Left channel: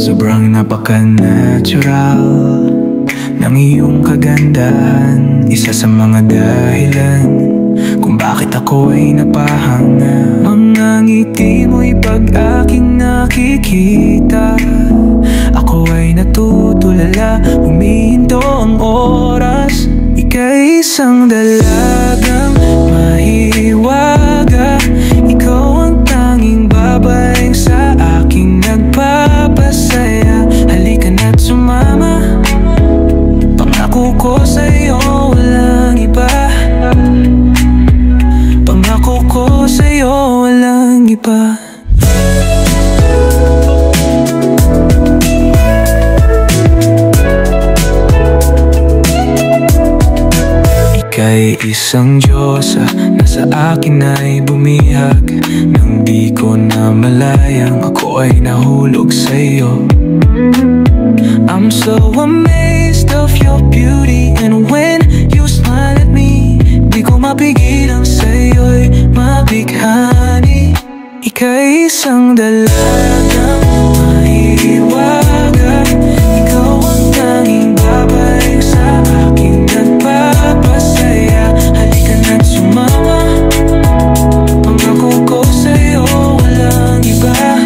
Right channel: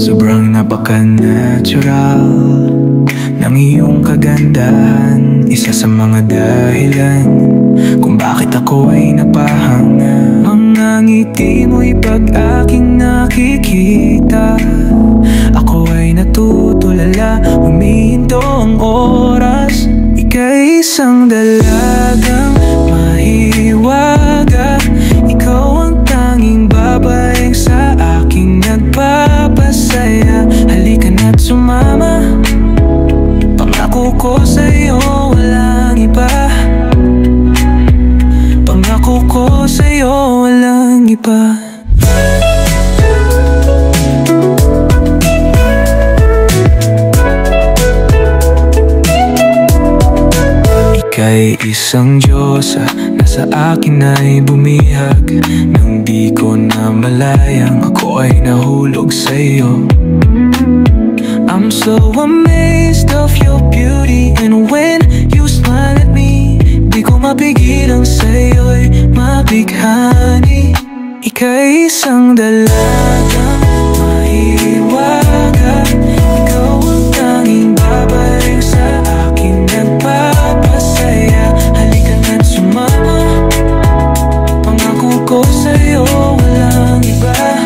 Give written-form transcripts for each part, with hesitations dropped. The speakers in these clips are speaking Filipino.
Sobrang napaka-natural ng iyong kagandahan, isa sa mga dahilan kung bakit ako ay napahanga. Mga ngiti mo'y pag aking nakikita, ako ay natutulala, humihinto ang oras. Ika'y isang dalagang mahiwaga, ikaw ang tanging babaeng sa aking nagpapasaya. Halika na't sumama, pangako ko sa'yo walang iba. Pangako ko sa'yo walang iba. Ika'y isang Diyosa na sa akin ay bumihag. Nang di ko na malayang ako ay nahulog sa'yo. I'm so amazed of your beauty, and when you smile at me, di ko mapigilang sa'yo'y mabighani. Ika'y isang dalagang mahiwaga, ikaw ang tanging babaeng sa aking nagpapasaya. Halika na't sumama, pangako ko sa'yo walang iba.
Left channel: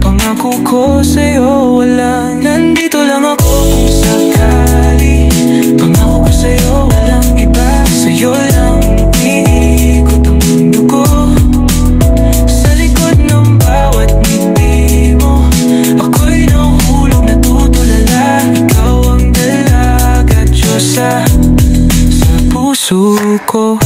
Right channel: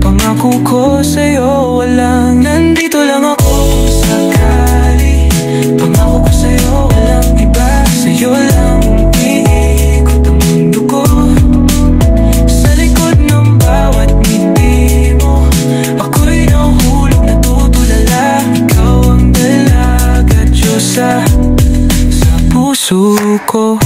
Pangako ko sa'yo walang, nandito lang ako kung sakali. Pangako ko sa'yo walang iba, sa'yo lang umiikot ang mundo ko. Sa likod ng bawat ngiti mo, ako'y nahulog, natutulala. Ikaw ang dalaga, Diyosa sa puso ko.